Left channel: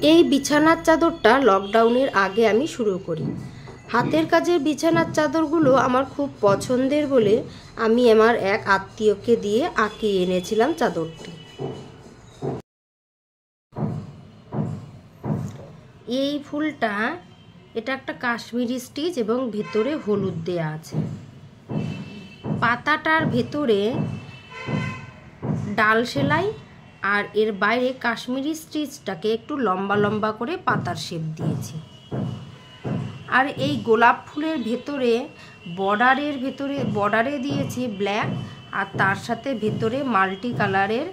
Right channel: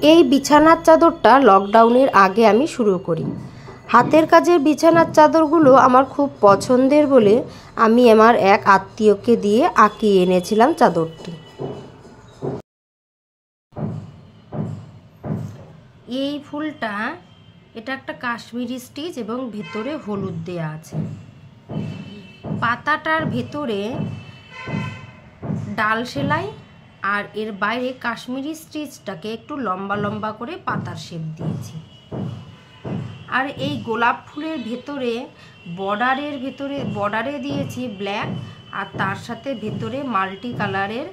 এই বিছানার চাদরটা লকডাউনের আগে আমি শুরু করি। হাতের কাজের বিছানার চাদরগুলো আমার খুব পছন্দের বলে আমি আমার এক আত্মীয়কে দিয়ে আঁকিয়ে এনেছিলাম চাদরটি। এই ফুলটা, এটা একটা কাশ্মীরি স্টিচ এবং ভেতরে হলুদ দেয়া আছে। পাতাটার ভেতরে ডাল সেলাই আর এর বাইরে কাশ্মীরি স্টিচটাকে একটু লম্বা লম্বা করে পাতার শেপ দিয়েছি। আর এই গোলাপ ফুলের ভেতরে বর্ডারে দিয়েছি ব্ল্যাক, আর তার সাথে ভেতরে মাল্টি কালারের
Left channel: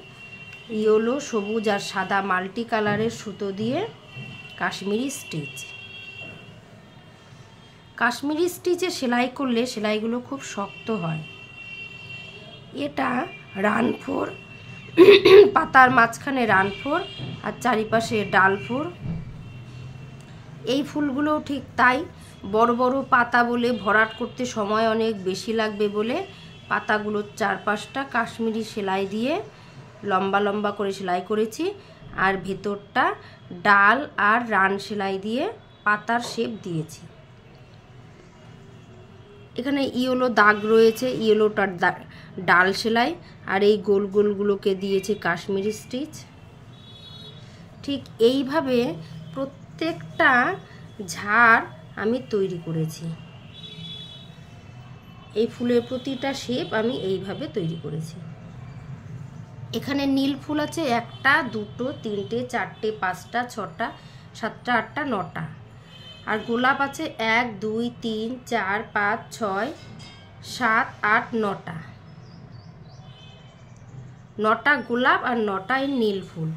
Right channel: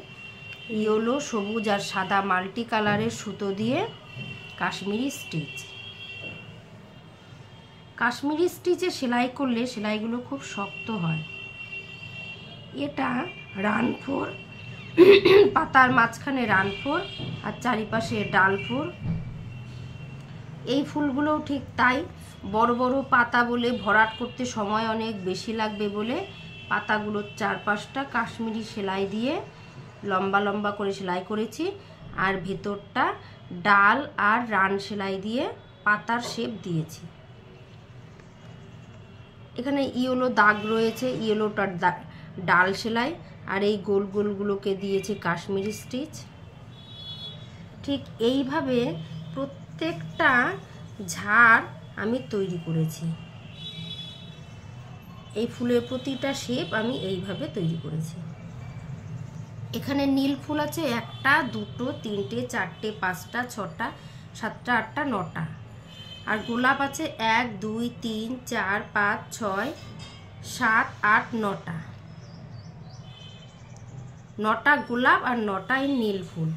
ইয়েলো, সবুজ আর সাদা মাল্টি কালারের সুতো দিয়ে কাশ্মীরি স্টিচ। কাশ্মীরি স্টিচে সেলাই করলে সেলাইগুলো খুব শক্ত হয়। এটা রান 4, পাতার মাঝখানে রান 4 আর চারিপাশে ডাল 4। এই ফুলগুলোও ঠিক তাই, বড় বড় পাতা বলে ভরাট করতে সময় অনেক বেশি লাগবে বলে পাতাগুলোর চারপাশটা কাশ্মীরি সেলাই দিয়ে লম্বা লম্বা করে সেলাই করেছি, আর ভেতরটা ডাল আর রান সেলাই দিয়ে পাতার শেপ দিয়েছি। এখানে ইয়েলো দাগ রয়েছে, ইয়েলোটার ডাল সেলাই, আর এই গোল গোলগুলোকে দিয়েছে কাশ্মীরি স্টিচ। ঠিক এইভাবে প্রত্যেকটা ঝাড় আমি তৈরি করেছি। এই ফুলের প্রতিটা শেপ আমি এইভাবে তৈরি করেছি। এখানে নীল ফুল আছে 1টা 2টো 3টে 4টে 5টা 6টা 7টা 8টা 9টা, আর গোলাপ আছে 1 2 3 4 5 6 7 8 9টা। 9টা গোলাপ আর 9টা নীল ফুল।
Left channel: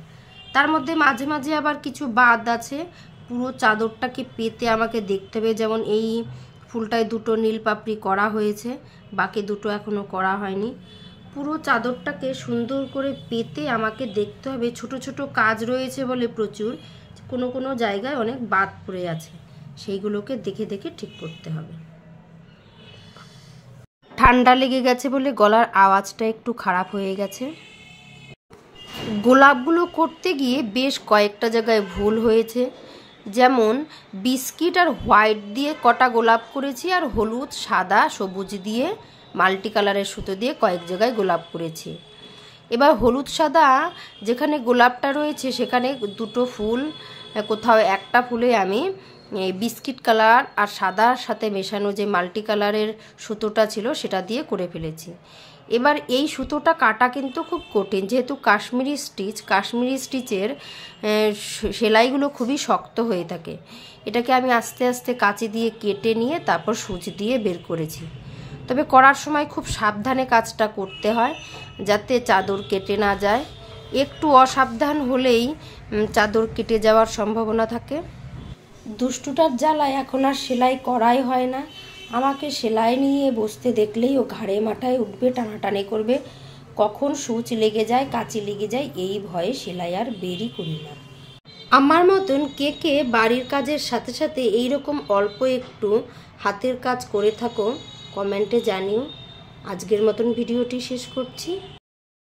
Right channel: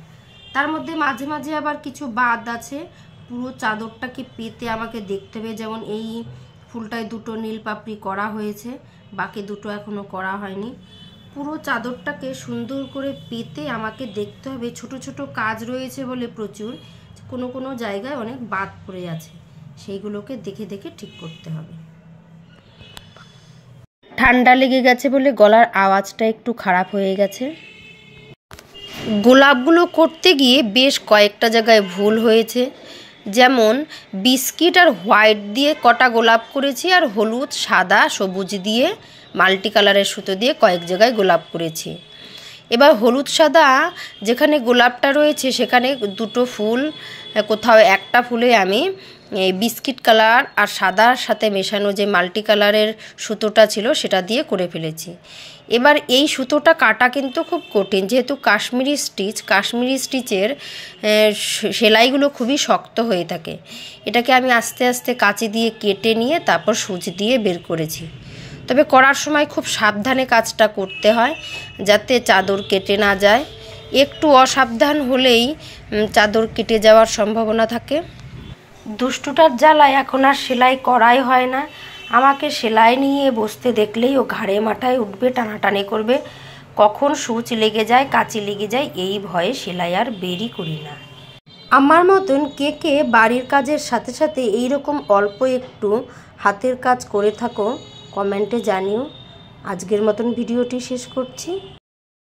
তার মধ্যে মাঝে মাঝে আবার কিছু বাদ আছে, পুরো চাদরটাকে পেতে আমাকে দেখতে হবে। যেমন এই ফুলটায় 2টো নীল পাপড়ি করা হয়েছে, বাকি 2টো এখনো করা হয়নি। পুরো চাদরটাকে সুন্দর করে পেতে আমাকে দেখতে হবে। ছোট ছোট কাজ রয়েছে বলে প্রচুর, কোনো কোনো জায়গায় অনেক বাদ পড়ে আছে, সেইগুলোকে দেখে দেখে ঠিক করতে হবে। ঠান্ডা লেগে গেছে বলে গলার আওয়াজটা একটু খারাপ হয়ে গেছে। গোলাপগুলো করতে গিয়ে বেশ কয়েকটা জায়গায় ভুল হয়েছে। যেমন বিস্কিট আর হোয়াইট দিয়ে কটা গোলাপ করেছি, আর হলুদ সাদা সবুজ দিয়ে মাল্টি কালারের সুতো দিয়ে কয়েক জায়গায় গোলাপ করেছি। এবার হলুদ সাদা যেখানে গোলাপটা রয়েছে সেখানে 2টো ফুল, কোথাও একটা ফুলে আমি বিস্কিট কালার আর সাদার সাথে মেশানো যে মাল্টি কালারের সুতোটা ছিল সেটা দিয়ে করে ফেলেছি। এবার এই সুতোটা কাটা কিন্তু খুব কঠিন, যেহেতু কাশ্মীরি স্টিচের সেলাইগুলো খুবই শক্ত হয়ে থাকে। এটাকে আমি আস্তে আস্তে কাঁচি দিয়ে কেটে নিয়ে তারপর সুচ দিয়ে বের করেছি। তবে করার সময় খুব সাবধানে কাজটা করতে হয় যাতে চাদর কেটে না যায়। একটু অসাবধান হলেই চাদর কেটে যাওয়ার সম্ভাবনা থাকে। দুষ্টুটার জ্বালায় এখন আর সেলাই করাই হয় না। আমাকে সেলাই নিয়ে বসতে দেখলেই ও ঘাড়ে মাথায় উঠবে, টানাটানি করবে, কখন সুচ লেগে যায় কাঁচি লেগে যায় এই ভয়ে সেলাই আর বেরই করি না। আমার মতন কে কে বাড়ির কাজের সাথে সাথে এইরকম অল্প একটু হাতের কাজ করে থাকো কমেন্টে জানিও। আজকের মতন ভিডিওটি শেষ করছি।